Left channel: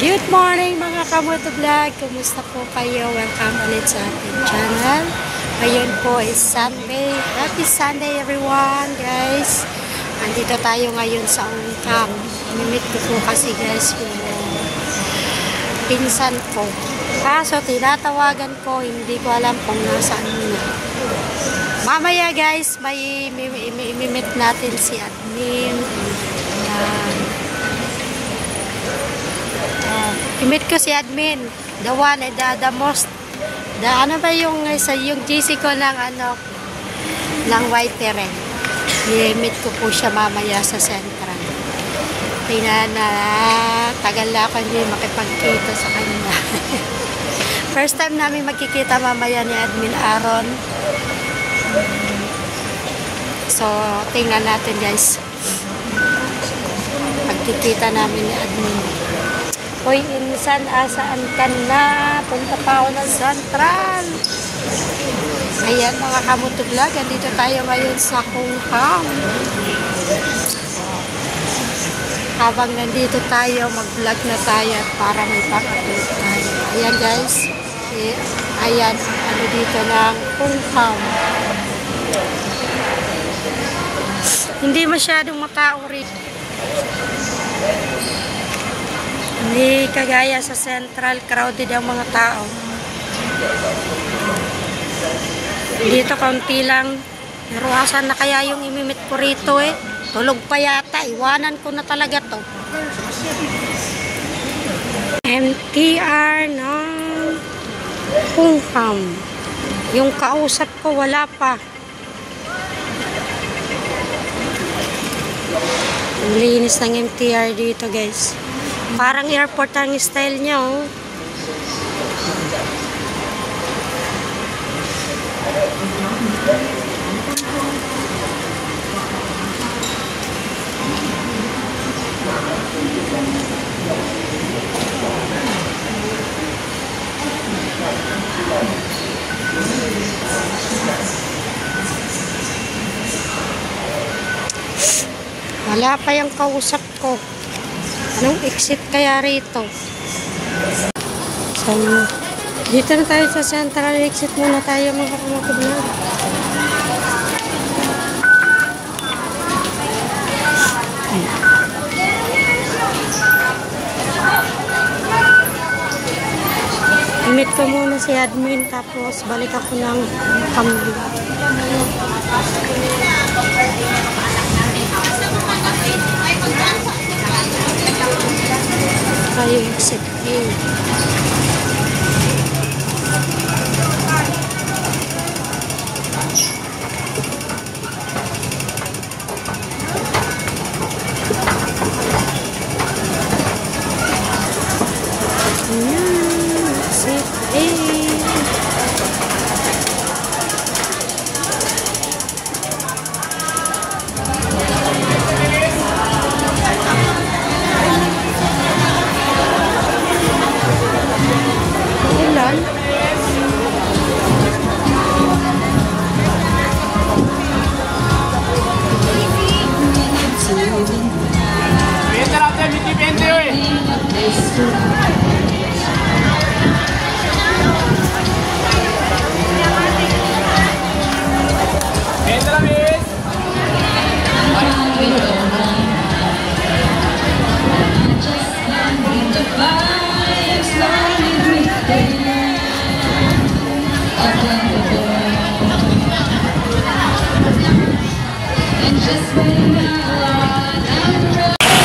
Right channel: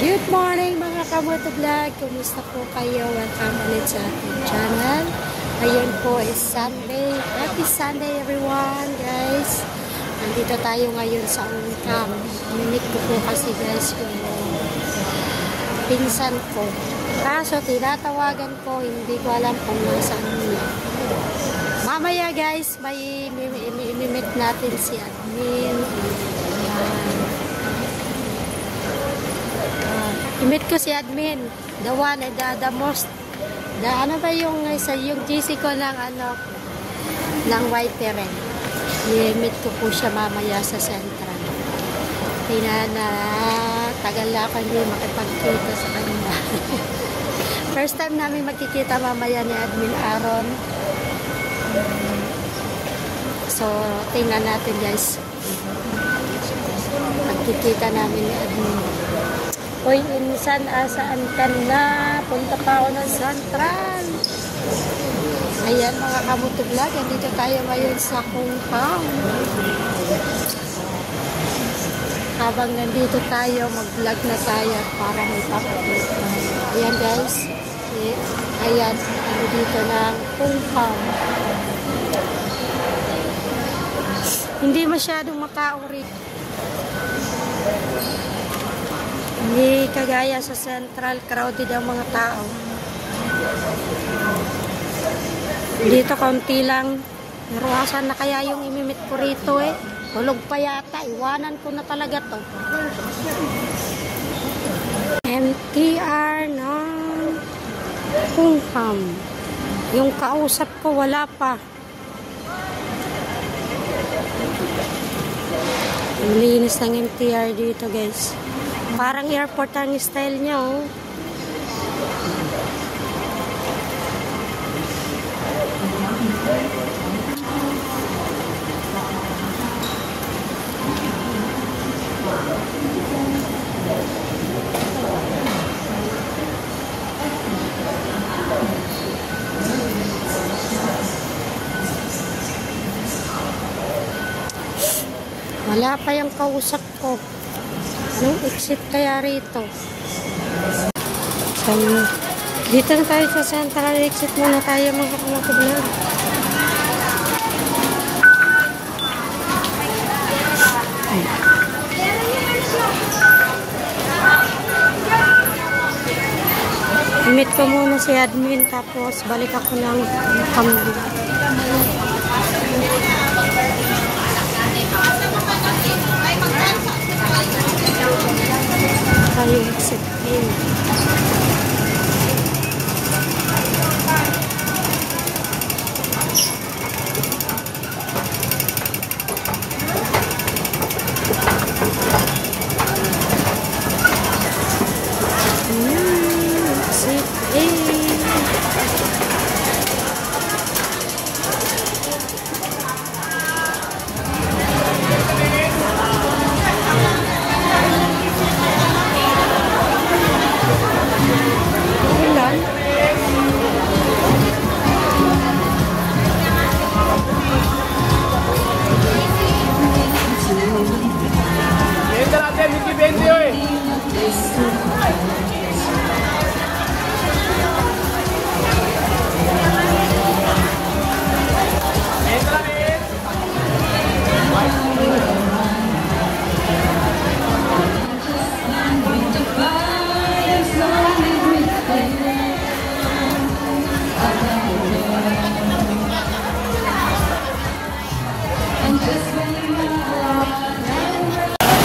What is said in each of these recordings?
Good morning mga kamoto vlog! Kumusta po kayo? Welcome ulit sa ating channel. Ngayon po is Sunday. Happy Sunday everyone guys! Andito tayo ngayon sa Unicam. Inimit ko po kasi guys yung pinsan ko. So tinatawagan ko, hindi ko alam kung nasaan nila. Mamaya guys, may imimit natin si admin. Imit ko si admin, the one, the most, ano ba yung GC ko ng ng Whiteren. I-imit ko po siya mamaya sa Central. Tingnan na, tagal na ako hindi makipagkita sa kanila. First time namin magkikita mamaya ni Admin Aaron. So, tingnan natin guys. Pagkikita namin ni Admin. Hoy, insan, saan ka na? Punta pa ako ng Central. Ayan mga kamoto vlog, andito tayo ngayon sa Hong Kong. Habang nandito tayo, mag-vlog na tayo para may pag-upload tayo. Ayan guys, ayan, dito ng Hong Kong. Hindi masyadong makaurit. Hindi kagaya sa Central, crowded ang mga tao. Dito konti lang. Naruhasan na kaya yung imimit ko rito eh. Tulog pa yata. Iwanan ko na talaga to. MTR ng Hong Kong. Yung kausap ko wala pa. Ang linis ng MTR dito guys. Parang airport ang style niya, oh. Wala pa yung kausap ko. Anong exit kaya rito? Sana. Dito na tayo sa Central. Exit muna tayo mga kamakubla. Imit ko muna si admin tapos balik ako ng kamera. Tayo exit in.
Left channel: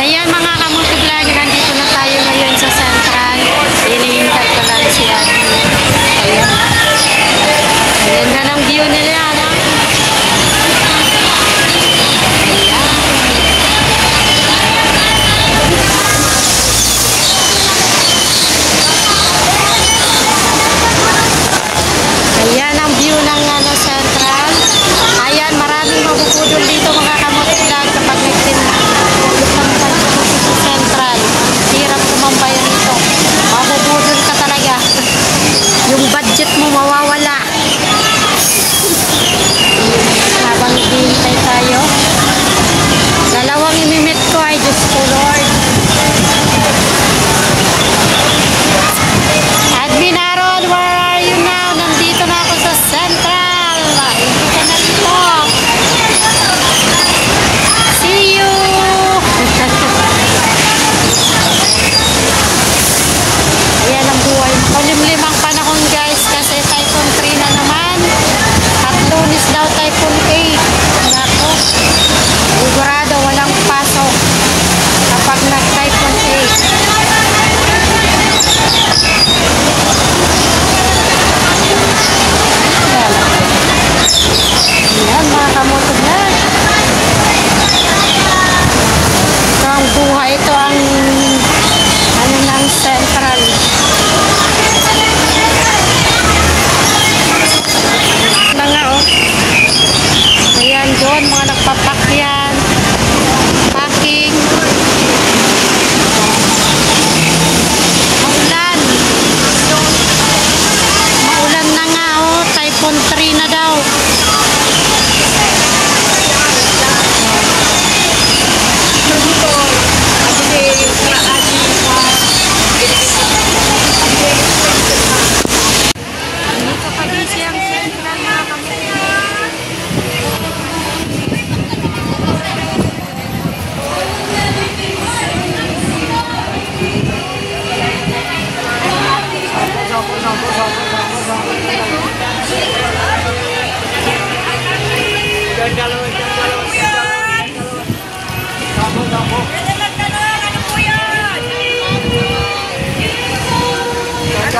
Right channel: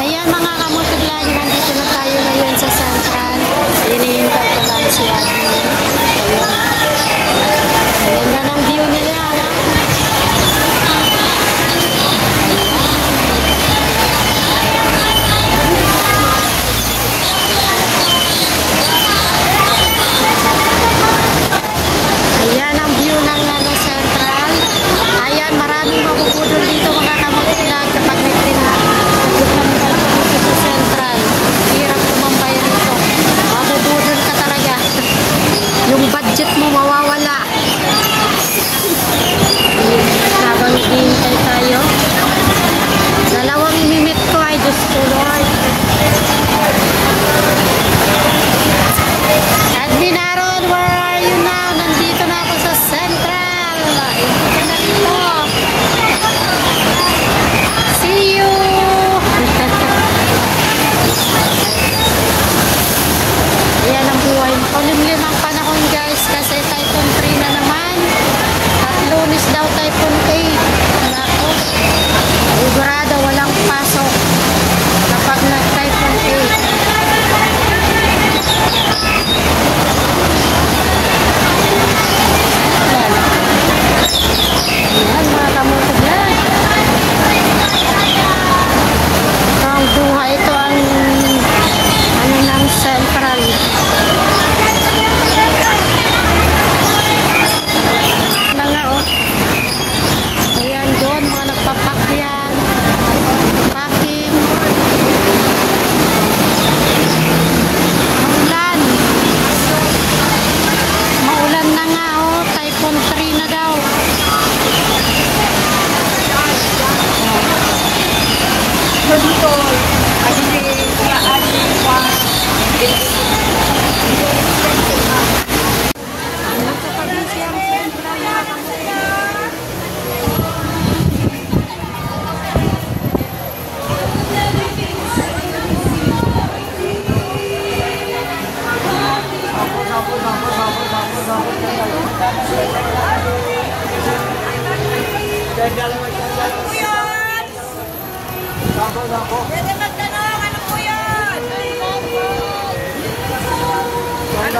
Ayan mga kamoto vlog, nandito na tayo ngayon sa Central.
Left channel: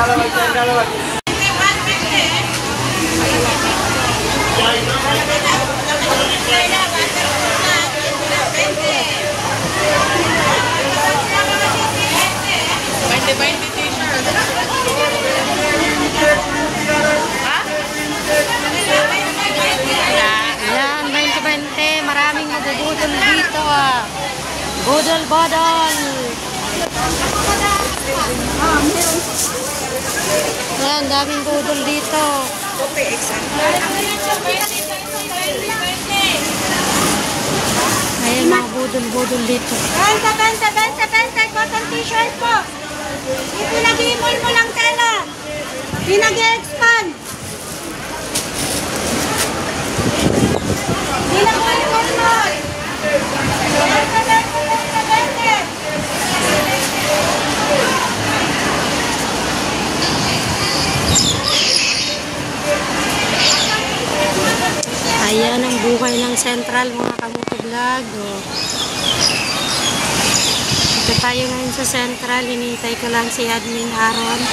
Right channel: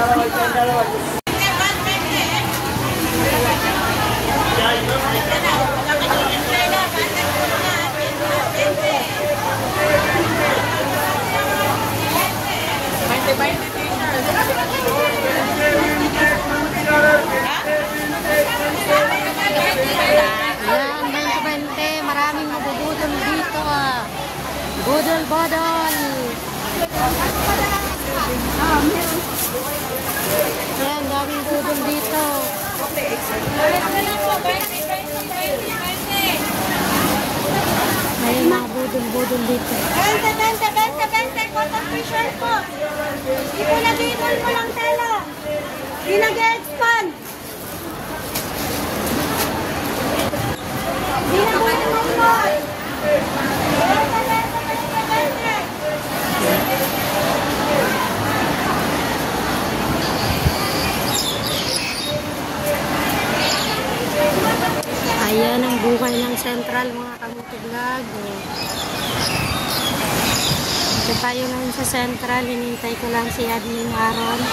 Ayan, 20-20. Maraming nagagudol dito. Budol-budol. Ayan, daming budol dito. Ayan, mga budol-budol dito. Benta, cotton t-shirt po. Ipon mo lang tela. Di nag-expand. Di nag-expand. Ayan ang buhay ng Central, mga kamuto vlog. Ito tayo ngayon sa Central. Hinihintay ko lang si Admin Aaron.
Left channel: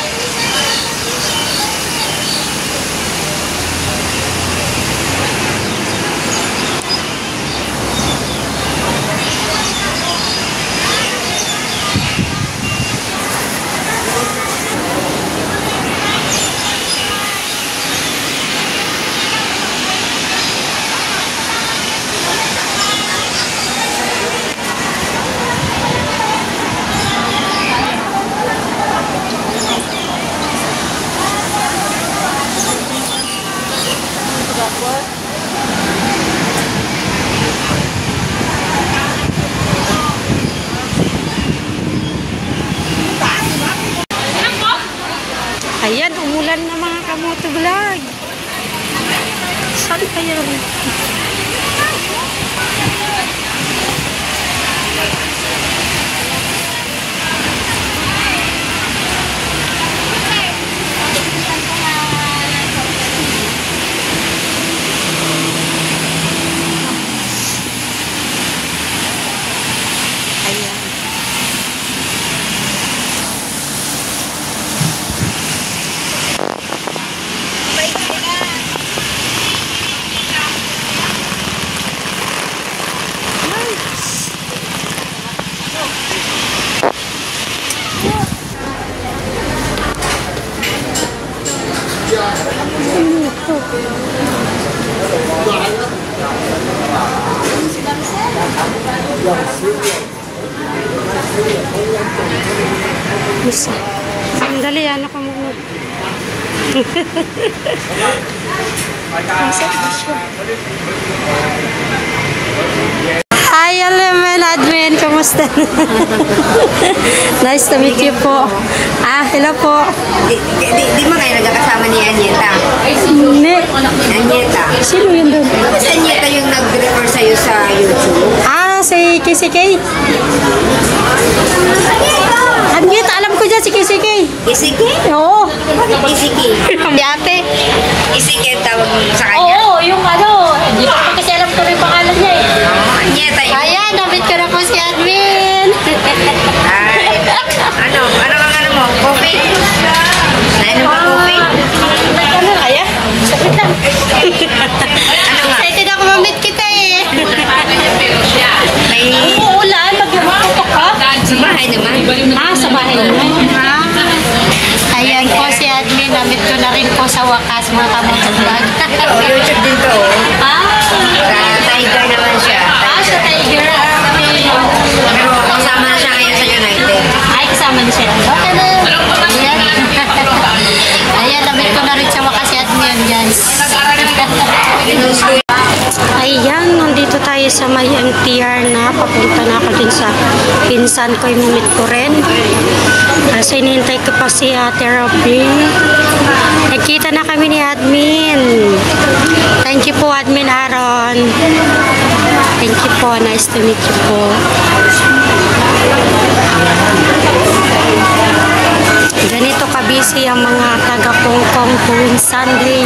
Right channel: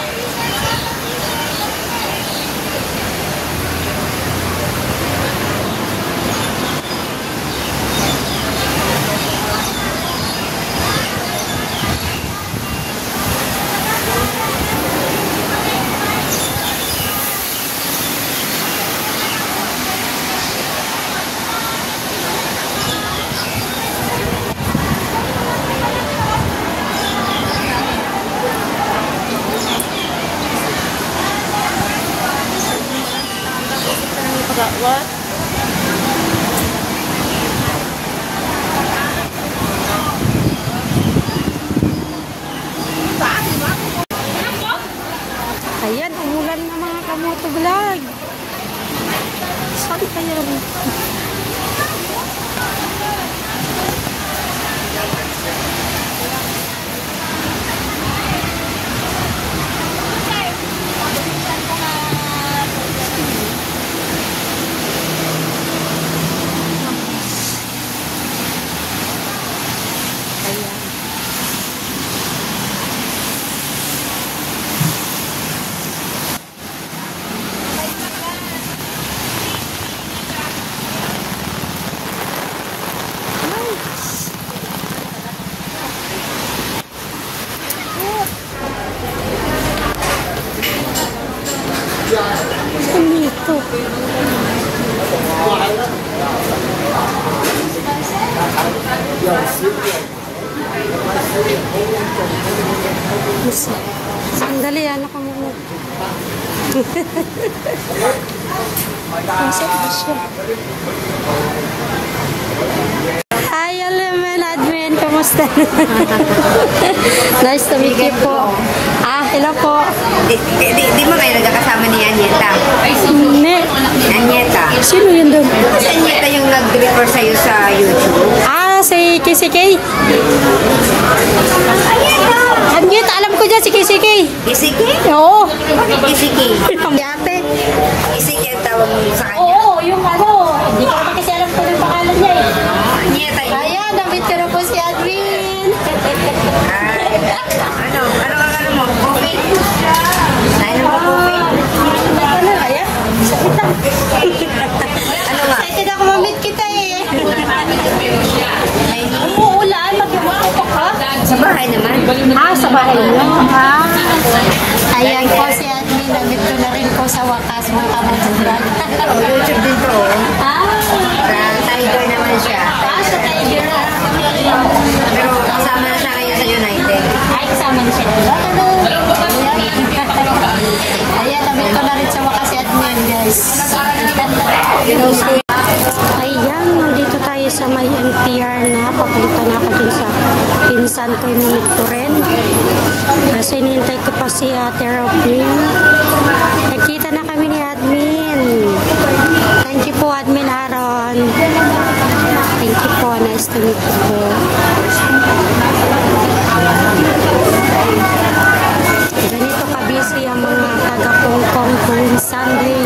Ayan, umulan na mga kamoto vlog. Saan kaya? Sandali, ano ka muna? Hi, Elemen Admin. Kamusta? Nice to meet you po. Hello po. Di mo kayo nagkakasama ni Anyeta? Hindi. Anyeta? Sino yun doon? Anyeta yung nag-refer sa'yo sa YouTube. Si KCK. Anyeta, alam ko dyan si KCK. KCK? Oo. KCK? Ang ate. KCK ang tawag mo sa kanya? Oo, yung ano. Hindi ko kasi alam ko rin pangalan niya eh. Anyeta yun. Ayan, nabit ko na po si Admin. Ay, ano mo? Coffee? Nainom ba coffee? Ano kaya? Sabit lang. Ano nga? Excited ako mamit kita eh. May... Uulan, maglumatok ka. Sa bahay naman? Sa bahay naman. Ayan po si Admin, namit ko na rin po sa wakas mga kamutugan. YouTube din to. Sa Tiger naman siya. Sa Tiger. Pero kasama na siya ngayon sa United. Ay, kasama na siya. Ayan, namit ko na rin sa wakas si Admin, guys. Ayan, nandito tayo sa may MTR na. Papunta na ako din sa pinsan ko, imimit ko rin. Kasi inintay ko pa si Ate Robin. Nagkita na kami ni Admin. Thank you po, Admin Aaron. Thank you po. Nice to meet you po. Ganito kabisi ang mga taga-Hong Kong kung Sunday.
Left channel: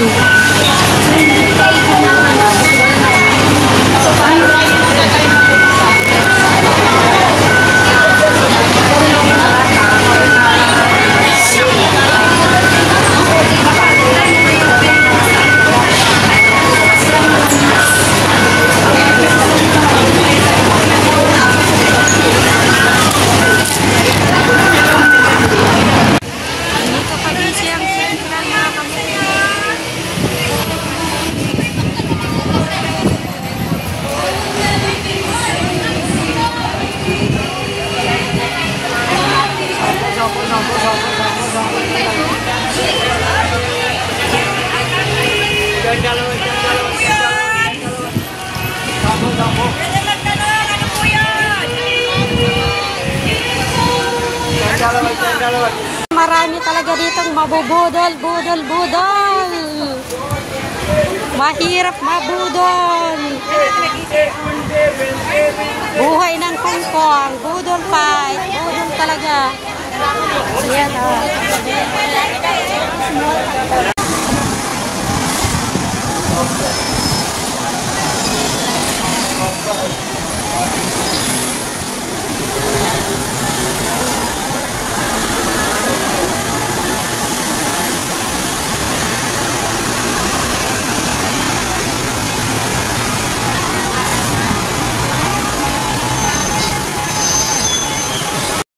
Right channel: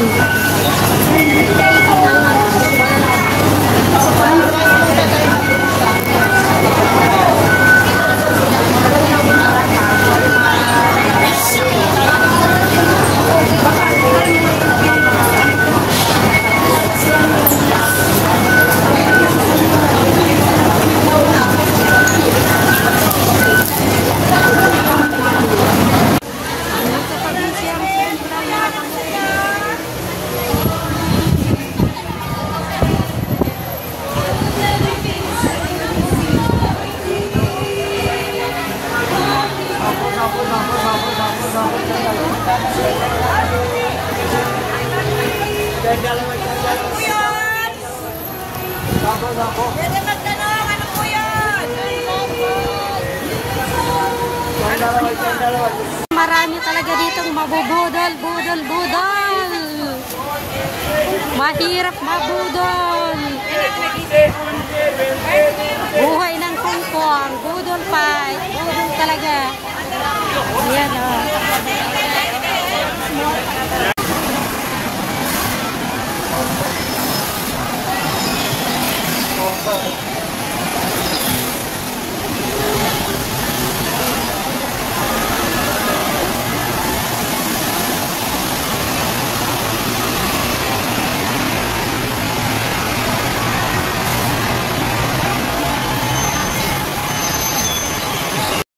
Marami talaga ditong mabubudol, budol. Mahirap mabudol. Buhay ng pangkong, budol pa. Budol talaga. Yan.